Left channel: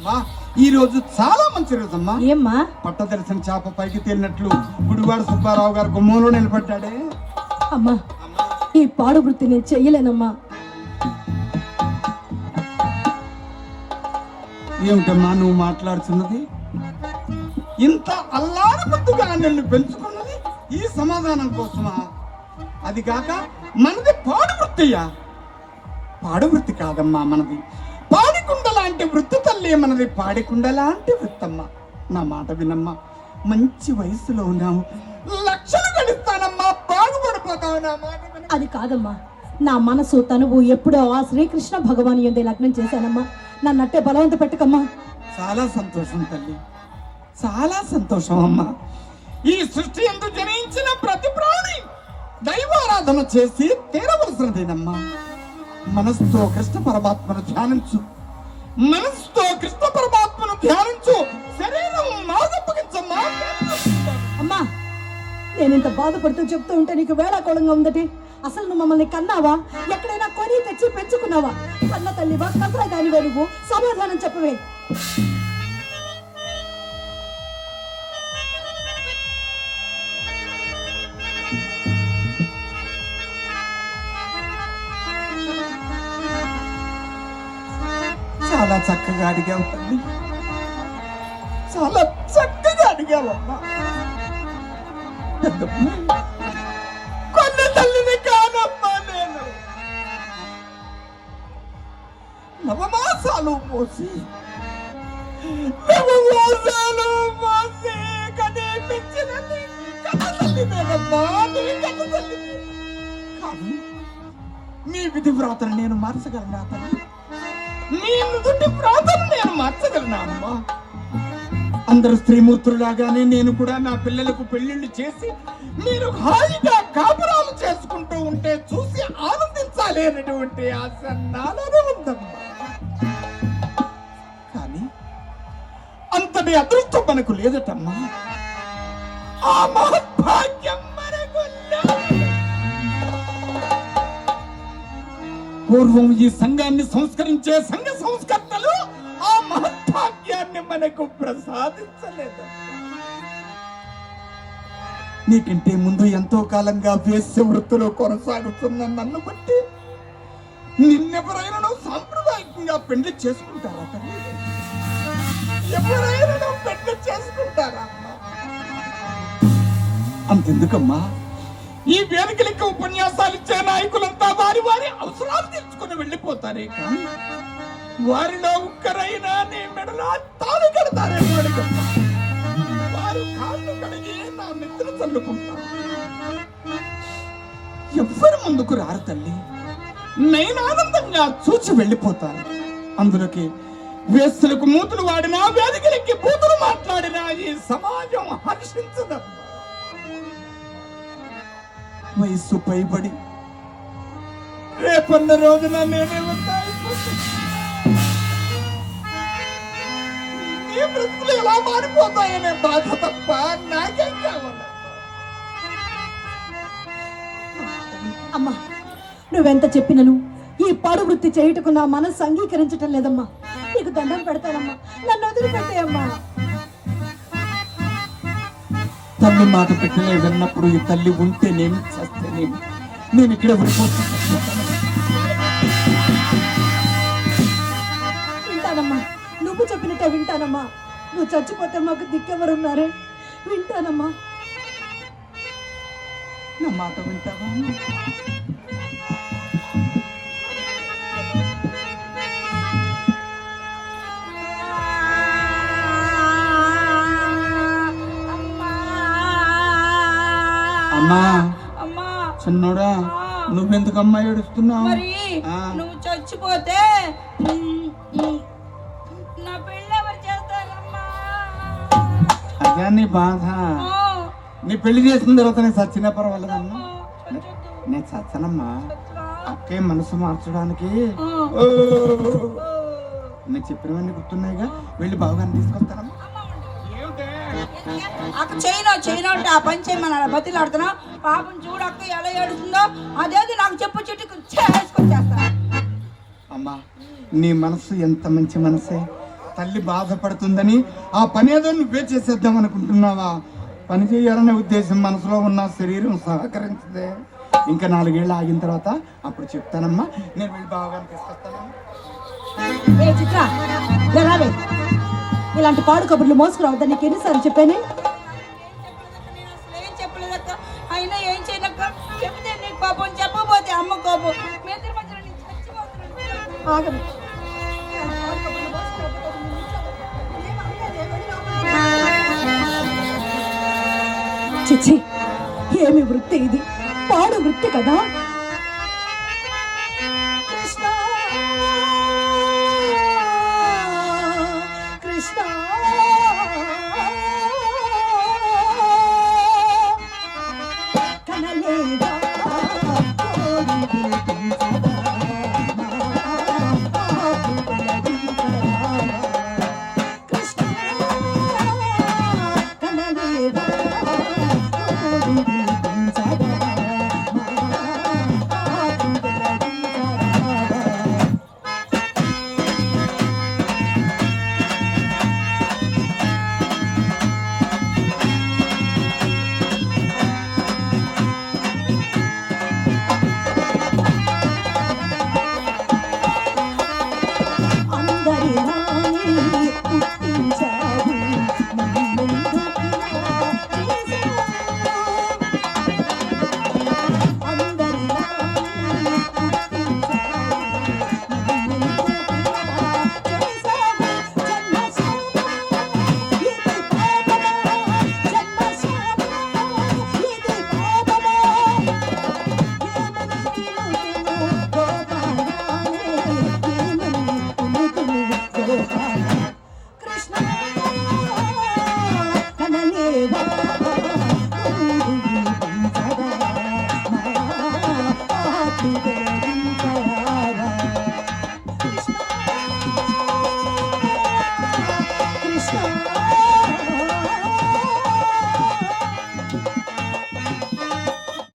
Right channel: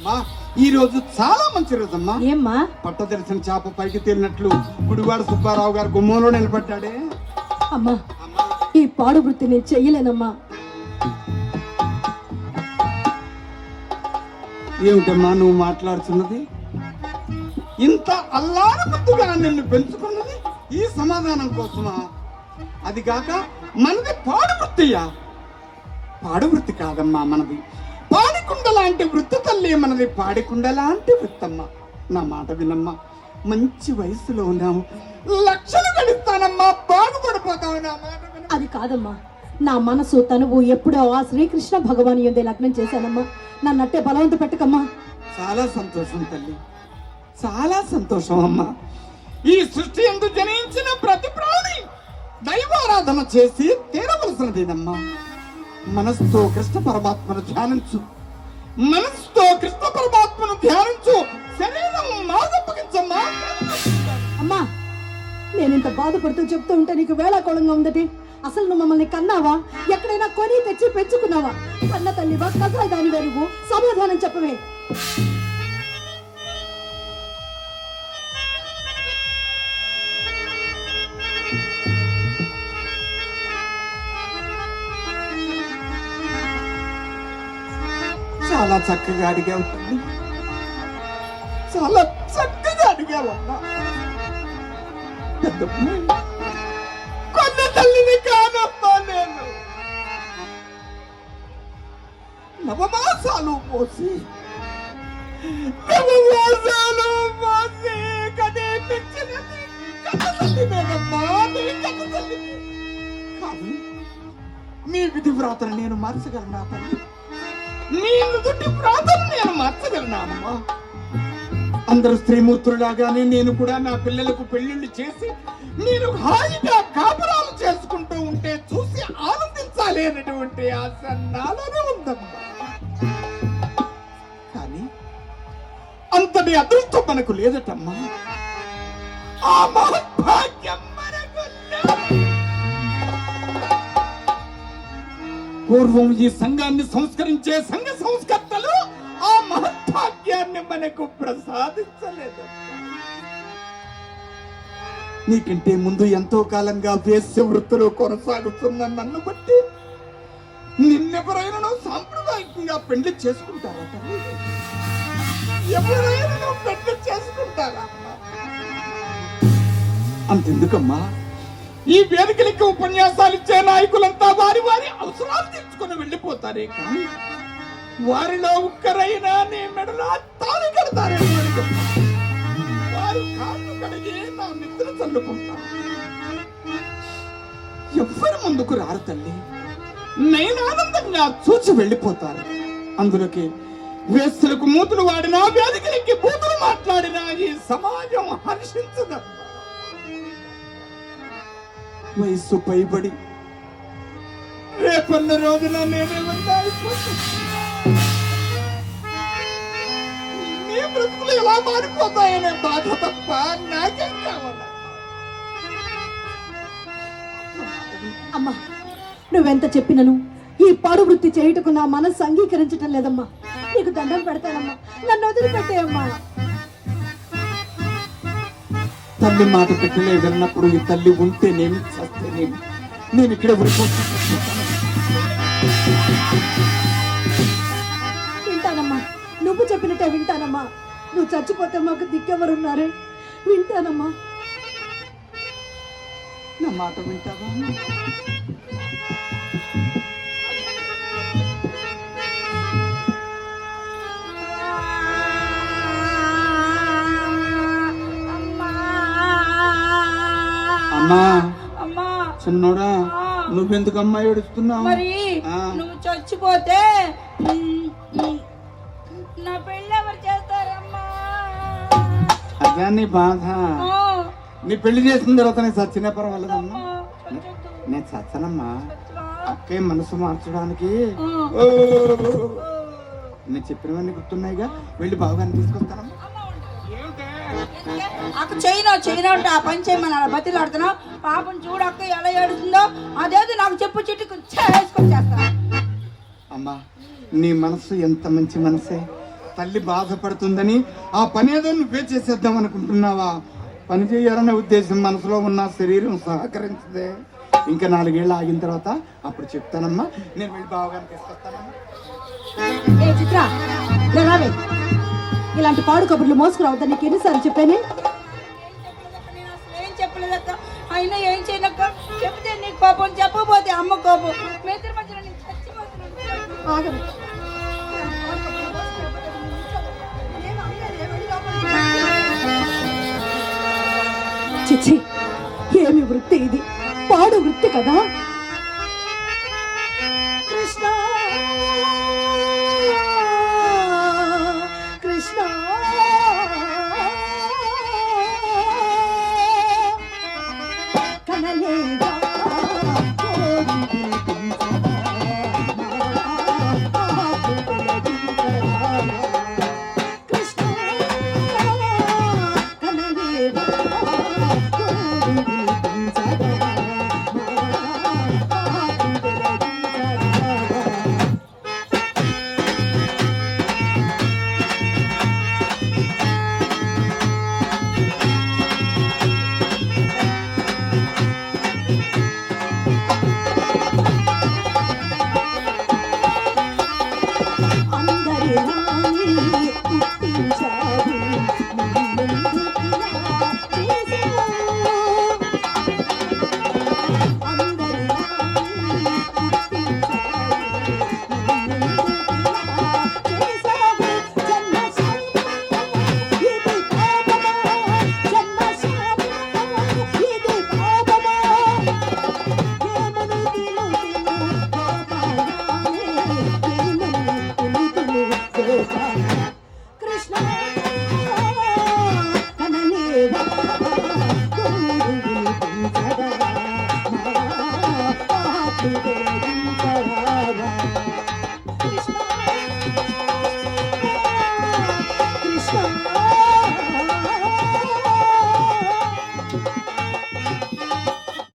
ఈ రోజు చాలా మంచి రోజు అమ్మా. ఏమ్మా? పట్టదర్శన చేప పైకి తేలినట్లు గుడివాడ సుబ్బారావు గారు గుమ్మంలో నిలబడ్డాడే. అమ్మా, ఈ పాడు వృత్తి నేను చెయ్యలేనమ్మా. ఏమిటమ్మా నువ్వు మాట్లాడుతున్నది? ఇంత అల్లారబుద్దుగా నిన్ను పెంచుకున్నది ఈ సమాధానం కోసమా? అది కాక మనది పాడు వృత్తియా? పాడు వృత్తి కాదమ్మా మనది పాడికుండ లాంటి వృత్తి తల్లి మనది. పాడికుండ లాంటి వృత్తమ్మా. నా మాట వినమ్మా. మంచి వయసులో ఉన్నాము, లక్షలు గడుస్తానమ్మా, బాగుపడిపోతావు. నా మాట విన. అది కాదమ్మా, నా మనసు తనువు ఎప్పుడో ఆ శ్రీకృష్ణ భగవాన్ యందే లగ్నం చేశానమ్మా. నన్ను అట్టే బలవంత పెట్టకమ్మా. చాలా సంతోషం తల్లి, చాలా సంతోషం అమ్మా. ఈ సృష్టి ఎందు జనించిన ప్రతి ప్రాణి దైవారాధన చేసి తీరవలసినదేనమ్మా. మనస్సుతో కృష్ణ పరమాత్మను ధ్యానించు, మనస్సుతో కృష్ణ పరమాత్మను ధ్యానించు. శరీరం మాదప్పగించమ్మా. అమ్మా, నేను ఇంత బాధపడుతూ చెప్తూ ఉంటే నీకు వేళాకోళంగా ఉందటి. అసలు నువ్వు మమ్మల్ని కన్నావా? ఎక్కడైనా కొని తెచ్చి పెంచుకున్నావా? కన్న తల్లివా? కసా దాని వెలుగు సమాధానం చెప్పవే. చాలా చక్కగా అడిగావు తల్లి, చాలా చక్కగా అడిగావమ్మా. కొన్న తల్లిని కాదమ్మా నేను. నవమాసాలు మోసి కనీ పెంచినది కన్న తల్లి నేనమ్మా, నీ కన్న తల్లి. కానీ నీ విధి వ్రాతను నేను మార్చగలనా తల్లి? నేను మార్చగలనా అమ్మా? అందరు స్త్రీమూర్తులాగానే నేను కూడా నా పిల్లలకు పెళ్లిళ్ళు చేసి నేను హాయిగా కాపురాలు చేసుకుంటూ ఉంటే చూసి ఆనందించాలి అనేటువంటి ఆశ నాలో ఉందమ్మా. కానీ అంతటి అదృష్టం మనకు లేదటమ్మా. ఆ మహద్భాగ్యం మనకు లేదు. పూర్వం ఈ సంఘాన్ని సంస్కరించే సంఘ సంస్కర్తలు ఆ మహత్భాగ్యాన్ని మనకు ప్రసాదించలేదు. నీకంటే ముందు ఎంతో కాలంగా వేశ్య వృత్తిలో కొనసాగుతున్న నన్ను బట్టి నిన్నెవరైనా సాంప్రదాయకంగా పెళ్లి చేసుకుంటారా? ఎవరైనా పెళ్లి చేసుకుంటారా? అంతెందుకమ్మా, ఈ వేదికలకి ఉపన్యాసాలు ఇచ్చే నాయకులంతా వారి వారి అవసరాలు తెచ్చుకుని వెళ్ళిపోతారే కానీ వారిలో ఒక్కరైనా నీ మెడలో తాళి కడతారే? వారి కాళ్ళు కడిగి నా నిద్ర చల్లుకుంటారు. ఎవ్వరి ముందుకు రారు తల్లి, నేను ఆనందంగా చూచి వెళ్ళిపోతాను. అందులోకి వేస్తులకు మూతులు వాడినా, వేదికలకి బూతులు మాట్లాడినా ఈ సమాజం హర్షించదమ్మా. వయస్సు పైబడి రేపన్న రోజున నేనే ఉండాలి. నీ బ్రతుకులు ఎలా మారిపోతాయనే బాధ తప్ప నాకేం కావాలి? అమ్మా, నువ్వెంత చెప్పినను ఈ పాడు వృత్తి చేయుటకు నా మనస్సు అంగీకరించటం లేదమ్మా. నీకు దండం పెడతానమ్మా, నన్ను వదిలిపెట్టేయమ్మా. తల్లి మాట పెట్టలే విన్నప్పుడు ఈ తల్లి ఉంటే నేను చేస్తే నేను ఇక్కడ వింటానమ్మా, నువ్వు చెప్పినట్టే వింటానమ్మా. నువ్వు చచ్చిపోతే మాకు దిక్కెవరున్నారే? వింటానమ్మా. నా మాట వింటావా? అమ్మా, చిన్నోడా, నువ్వెందుకమ్మా ఏడుస్తున్నావు? మరి నువ్వు చచ్చిపోతే నా పెళ్ళి ఎవరు చేస్తారమ్మా? అదే నీ బాధ. నీ పెళ్లి చేసిన తర్వాత నేను చచ్చినా పర్వాలేదమ్మా. నేను చచ్చనమ్మా. అక్కే మనసు మార్చడానికి నేను చెప్పినవన్నీ గుర్తున్నాయిగా. వెళ్ళి బావగారిని తీసుకొస్తారమ్మా. అక్క చైనా అంటే ఆ పని చేయమని బతిలాడుతున్నా. పాపం చూడక్క ఎలా ఏడుతుందో. అదేది నాకు చెప్పు చిట్టుకు చేసుకొని చేస్తా. అమ్మా, నీ మనసు ఎంత మంచి మనసే. తల్లి బాధపడుతుందని ఆ పని ఏదో నువ్వే చేసేద్దాం అనుకుంటున్నావా? పని చేయాలనే ఉద్దేశం మనసులో ఉన్న శరీరం సహకరించదే. ఇంకా 4 ఏళ్ళు ఆగిన తర్వాత అప్పుడు చెప్తానమ్మా. నేను వెళ్ళి బావగారికి తీసుకొస్తానమ్మా. ఏ చిత్ర, రావే. ఇలాంటి పాడు కబుర్లు మోసుకురావద్దని నీకు ఎన్నిసార్లు చెప్పానే? ఏం చెప్పలేదక్క, అయినా ఏం చేయనక్క. చెప్తే నీకు కోపం, చెప్పకపోతే అమ్మ కోపం. మేస్త్రి మధ్యలో నేను చచ్చిపోతున్నాను. ఆగదు. చిచ్చి, ఏమి వృత్తి ఇది? పాడు వృత్తి కదా. కృష్ణ కృష్ణ కనలేదా Krishna